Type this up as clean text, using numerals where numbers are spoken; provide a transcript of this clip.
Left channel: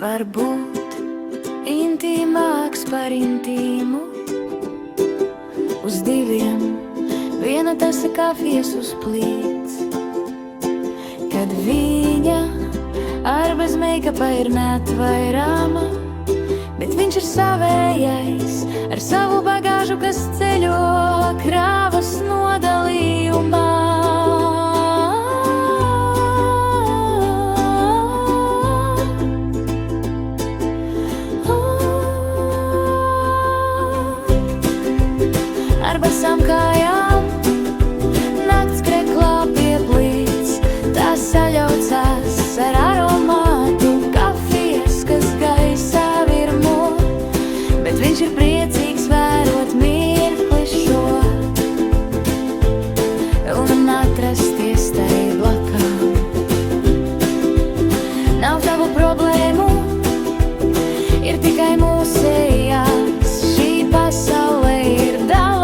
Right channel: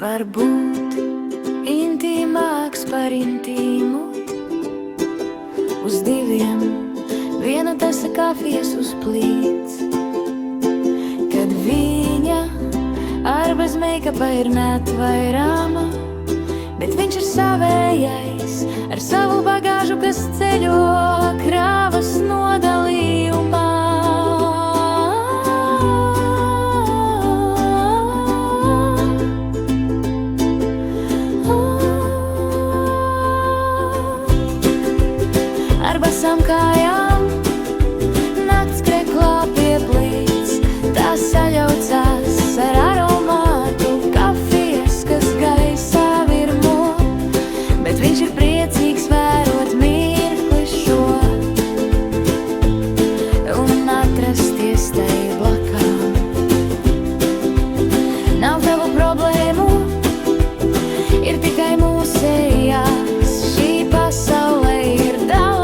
var būt intīmāks par intīmu. Uz diviem viena tasa kafijas uz plīts, kad viņa ar bez meikapa ir neatvairāma, bet viņš ir savējais ar savu bagāžu, kas ceļo krāvas nodalījumā. Ar basām kājām nakts kreklā pieplīts, tās saļaucās ar aromātu kafijas, kas gaisā virmo, bet viņš ir priecīgs vērot mirkli šo un atrasties tai blakām. Nav tavu problēmu, ir tikai mūsējās, šī pasaulē ir daudz